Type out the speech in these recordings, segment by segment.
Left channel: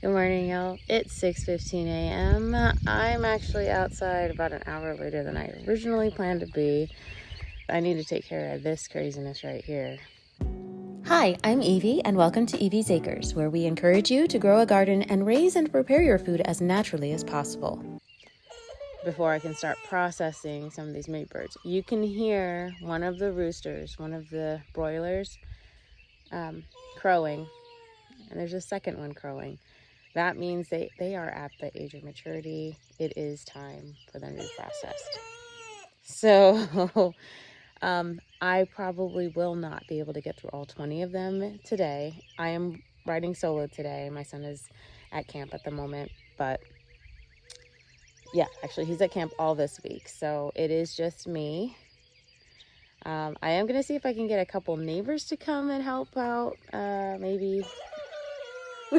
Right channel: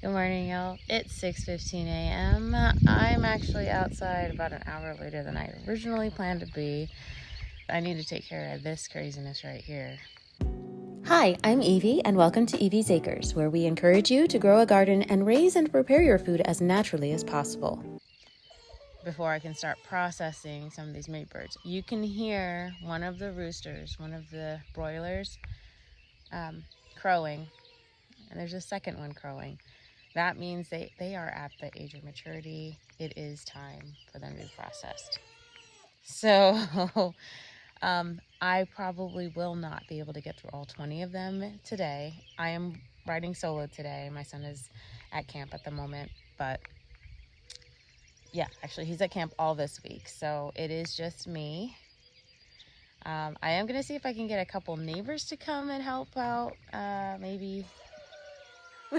Good morning, y'all. It's 6:15 a.m. I'm actually outside about an hour later than I originally planned to be. I need to take care of this craziness right here. Hi, I'm Evie, and welcome to Evie's Acres, where we encourage you to grow a garden and raise and prepare your food as naturally as possible. Before I can start processing some of these mate birds, you can hear one of the roosters, one of the broilers, crowing, and there's a second one crowing. That means they are at the age of maturity. It is time for them to be processed. So I probably will not be able to get through all 20 of them today. I am riding solo today. My son is at camp at the moment, but yeah, actually he's at camp all this week. So it is just me. I am going to see if I can get a couple neighbors to come and help out maybe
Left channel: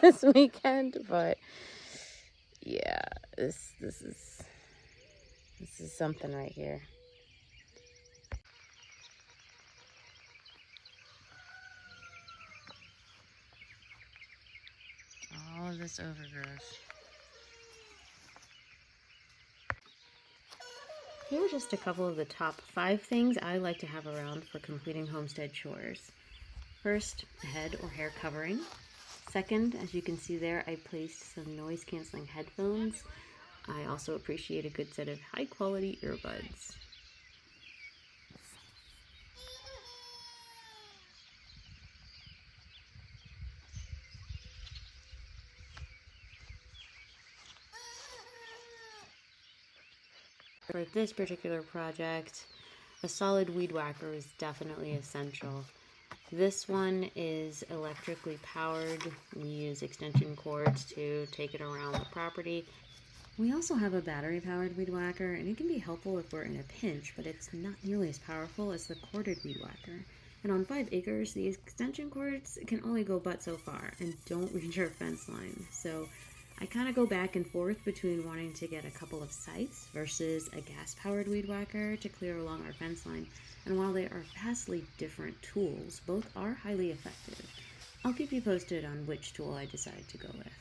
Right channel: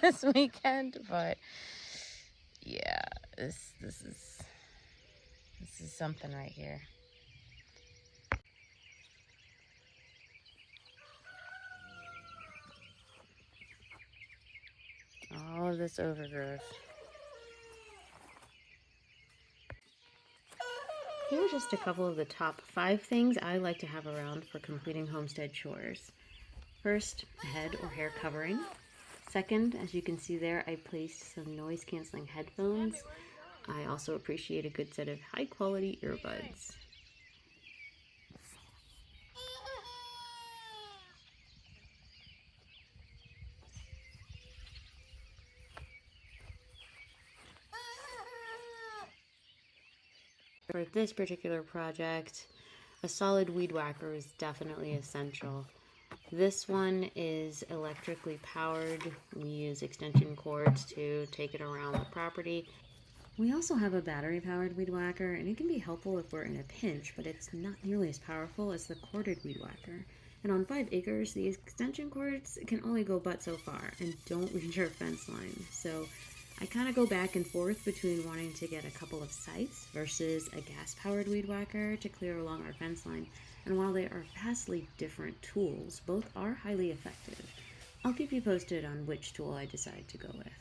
this weekend, but yeah, this is something right here. All of this overgrowth. Here are just a couple of the top 5 things I like to have around for completing homestead chores. First, a head or hair covering. Second, as you can see there, I placed some noise-canceling headphones. I also appreciate a good set of high-quality earbuds. For this particular project, a solid weed whacker is definitely essential. This one is electrically powered. We use extension cords to take it around the property. We also have a battery-powered weed whacker, and it can be helpful if we're in a pinch, but it's not nearly as powerful as the corded weed whacker. And on 5 acres, the extension cords can only go but so far and don't reach our fence line. So I kind of go back and forth between wanting to get a couple of sites versus a gas-powered weed whacker to clear along our fence line. And while they are vastly different tools, both are highly effective. I'll keep you posted on which tool I decide to go with.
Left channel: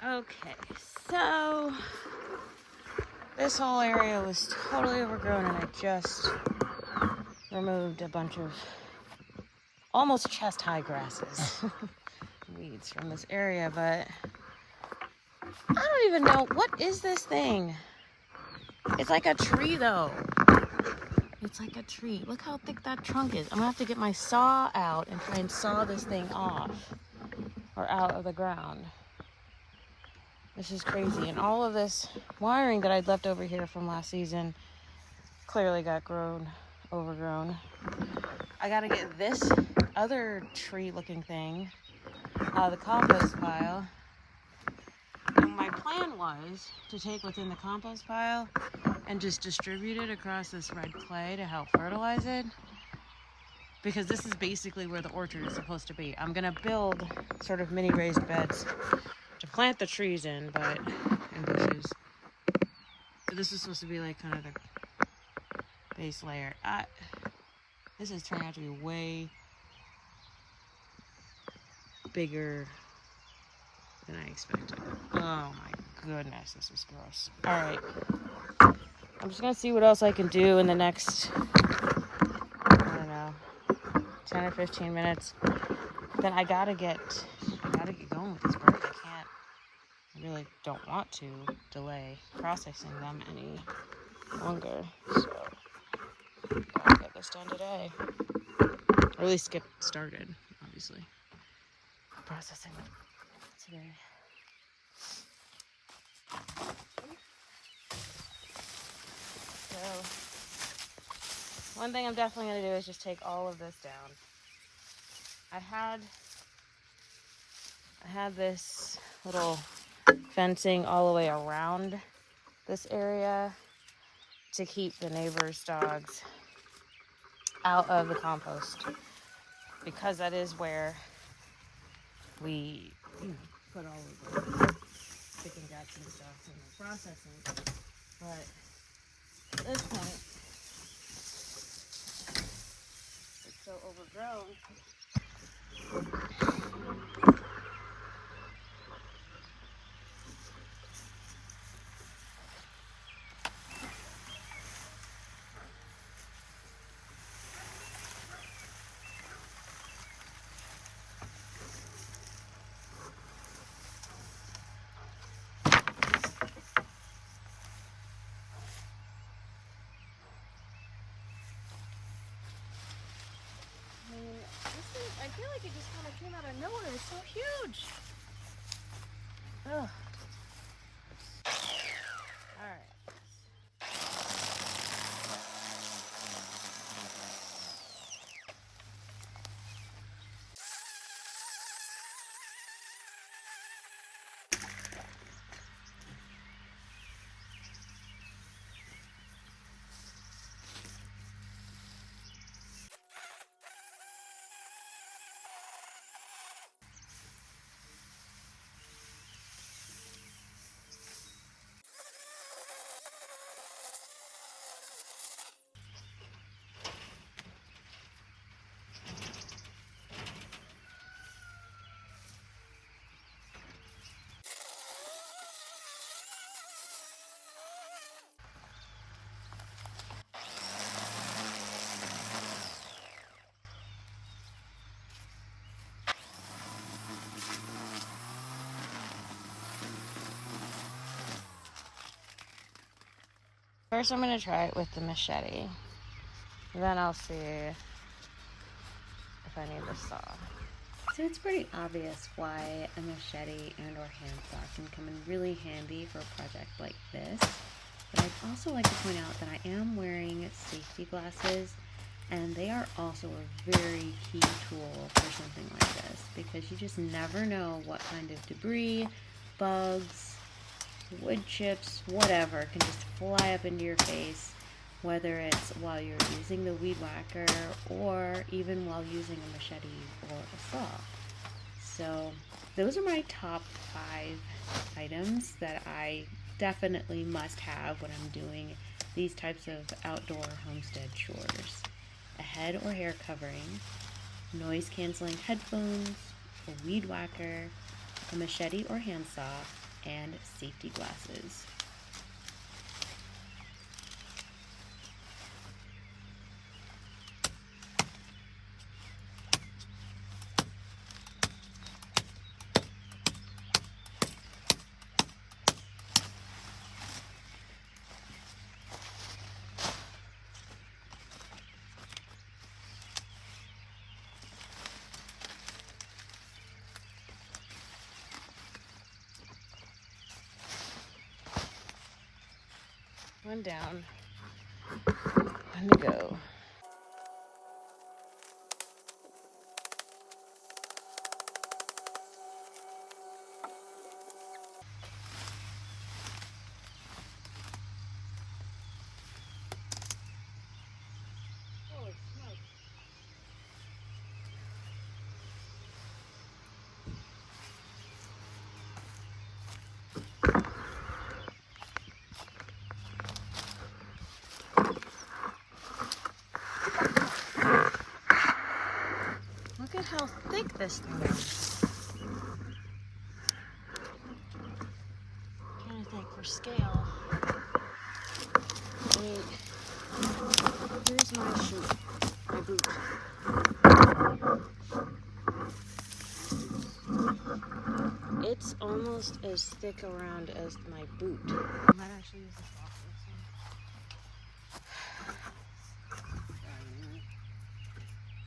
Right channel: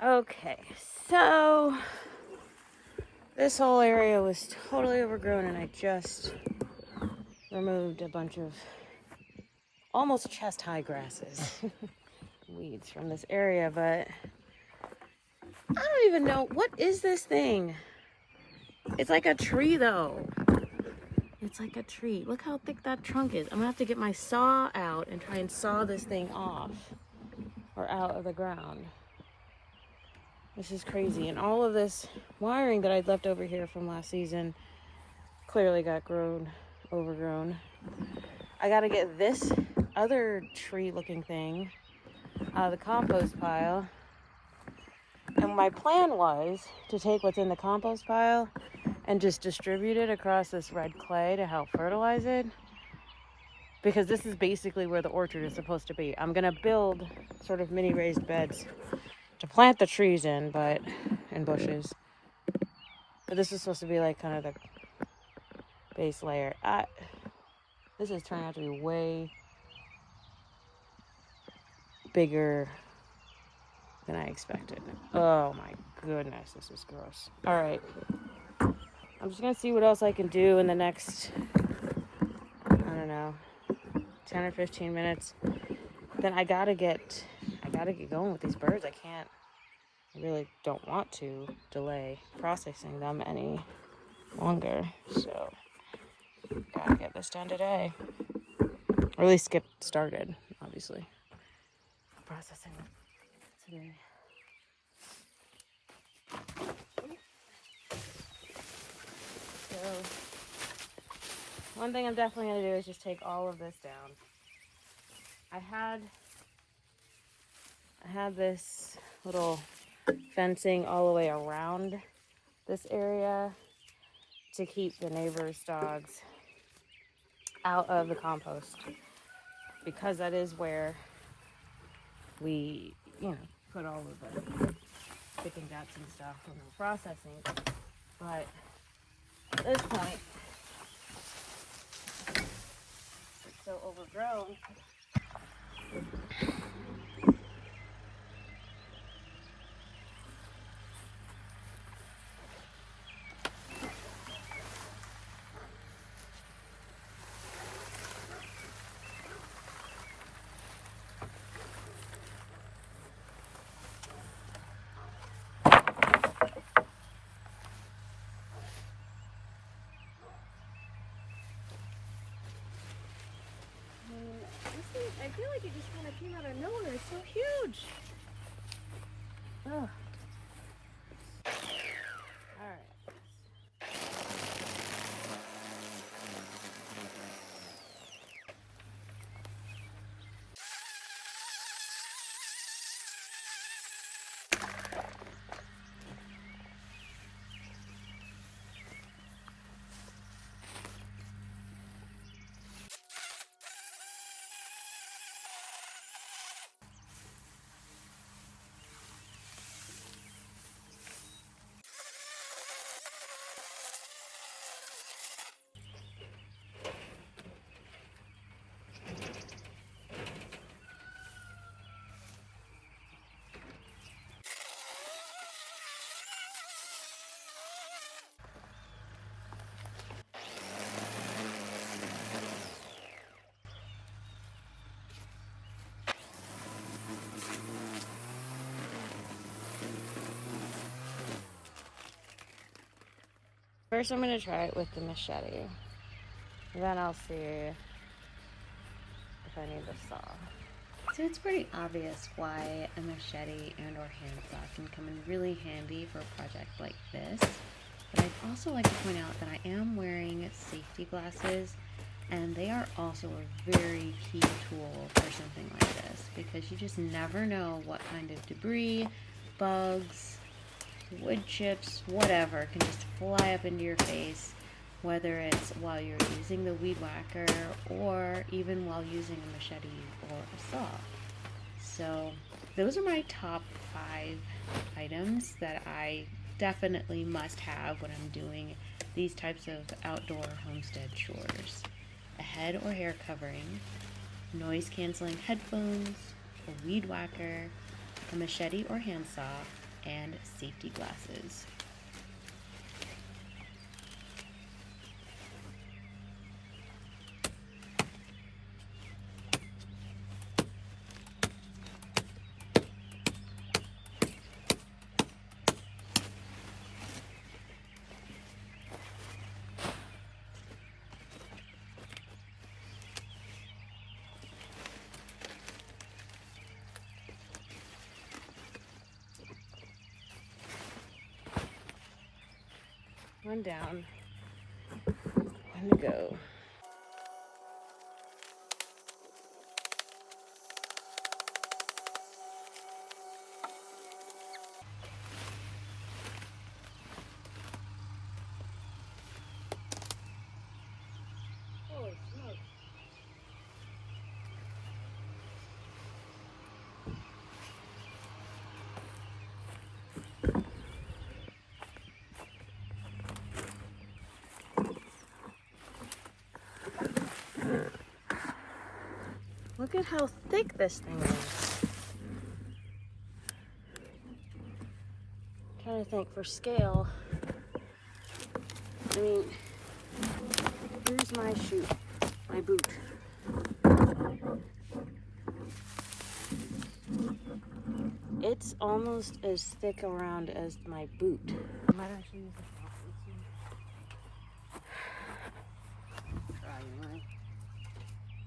Okay, so this whole area was totally overgrown, and I just removed a bunch of almost chest-high grasses, weeds from this area, but I don't even know, what is this thing? It's like a tree, though. It's like a tree. Look how thick that trunk is. I'm gonna have to get my saw out and try and saw this thing off or out of the ground. This is crazy. And all of this wiring that I'd left over here from last season clearly got overgrown. I gotta get this other tree-looking thing out of the compost pile. And my plan was to take what's in the compost pile and just distribute it across this red clay to help fertilize it. Because this is basically where the orchard is supposed to be. I'm gonna build sort of mini raised beds to plant the trees in, and bushes. But this is supposed to be like kind of the base layer. This is turning out to be way bigger than I expected. Oh my goodness, this is gross. All right, I'm just gonna see what else I can do in the next, I don't know, 10 or 15 minutes. Then I gotta get going with these birds. I really don't want to delay processing them any longer. So gotta get this done today. Or at least get started, obviously. Processing them today. So one thing I'm definitely gonna do is just take all of this down. I had this little fencing all the way around this area to keep the neighbors' dogs out of the compost, because that is where we, put all the chicken guts and stuff when we're processing. But at this point, it's so overgrown. I feel like it just kind of came out of nowhere. It's so huge. Ugh. All right. First, I'm going to try it with the machete. Then I'll see if I need the saw. So it's pretty obvious why a machete and or handsaw can come in really handy for a project like this. But I'd also like to point out that I am wearing safety glasses, and they are also a very key tool for something like this, because you just never know what kind of debris, bugs, wood chips, whatever, can just fly up into your face, whether it's while you're using the weed whacker or even while using a machete or a saw. So those are my top 5 items that I definitely must have when I'm doing these types of outdoor homestead chores: a head or hair covering, noise canceling headphones, a weed whacker, a machete or handsaw, and safety glasses. One down. One to go. Look at how thick this thing is. I'm trying to think for scale. I mean, here's my shoe, my boot. It's almost as thick around as my boot. I might actually use this off.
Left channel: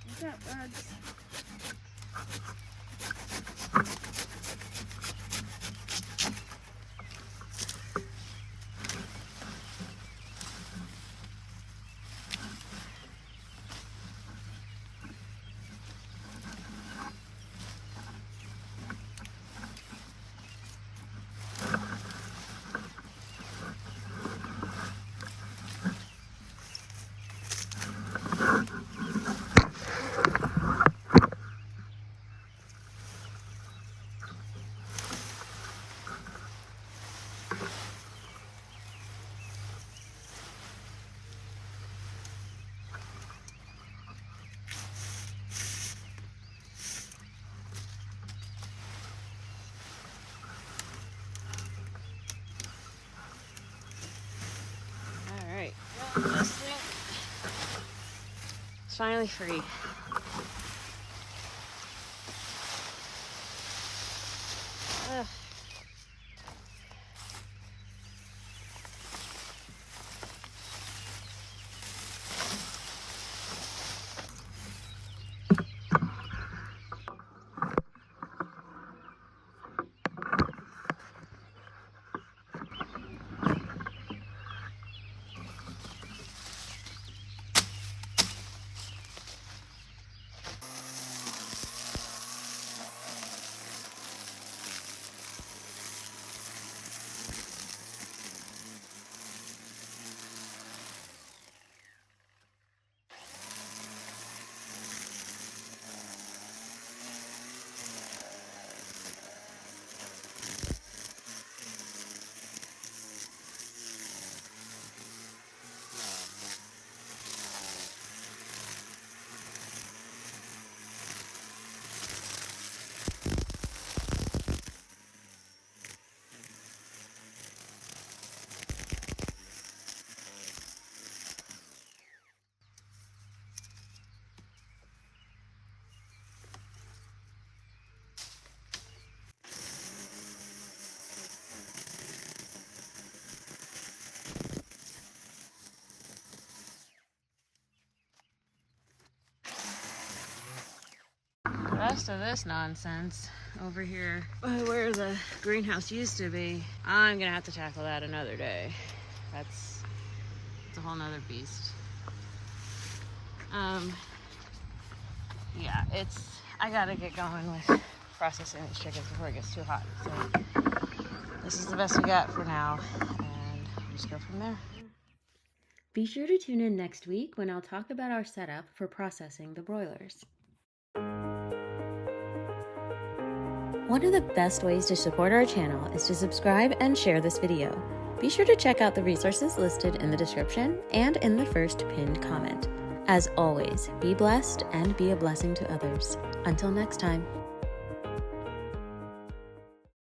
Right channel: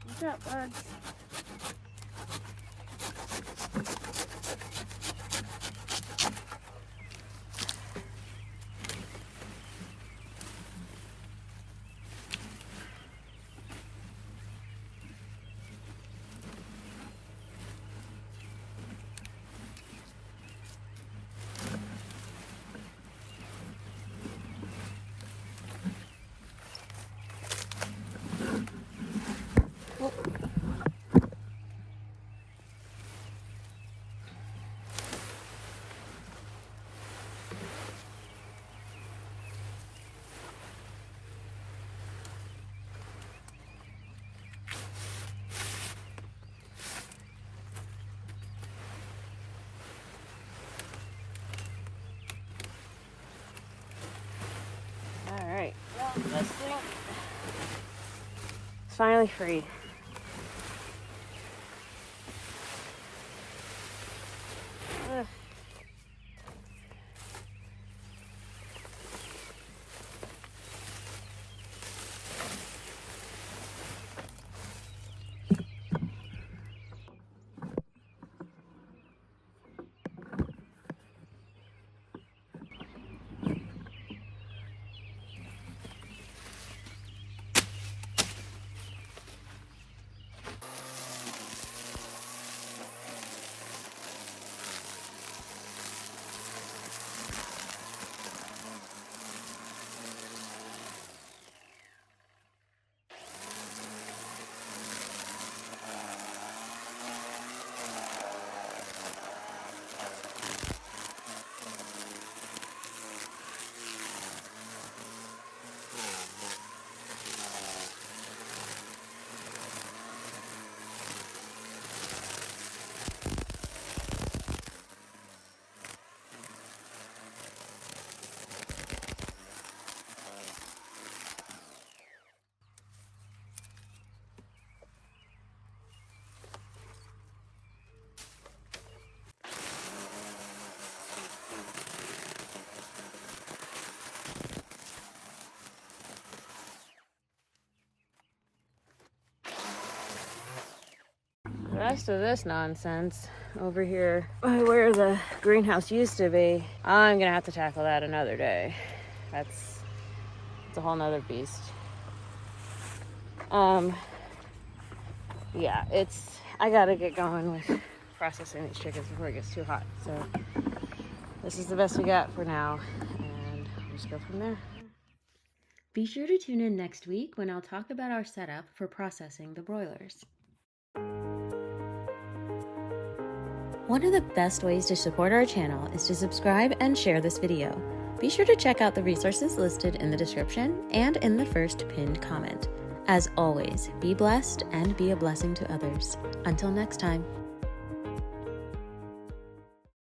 What's up, birds? It's finally free. Ugh. The rest of this nonsense over here where the greenhouse used to be, I'm gonna have to tackle that another day. It's a whole nother beast. Yeah, I gotta get going with processing these chickens before it gets too hot. So this is the best we got for now, and we'll just go from there. Be sure to tune in next week when I'll talk about our setup for processing the broilers. One of the best ways to support our channel is to subscribe and share this video. Be sure to check out the resources listed in the description and in the first pinned comment. As always, be blessed and be a blessing to others. Until next time.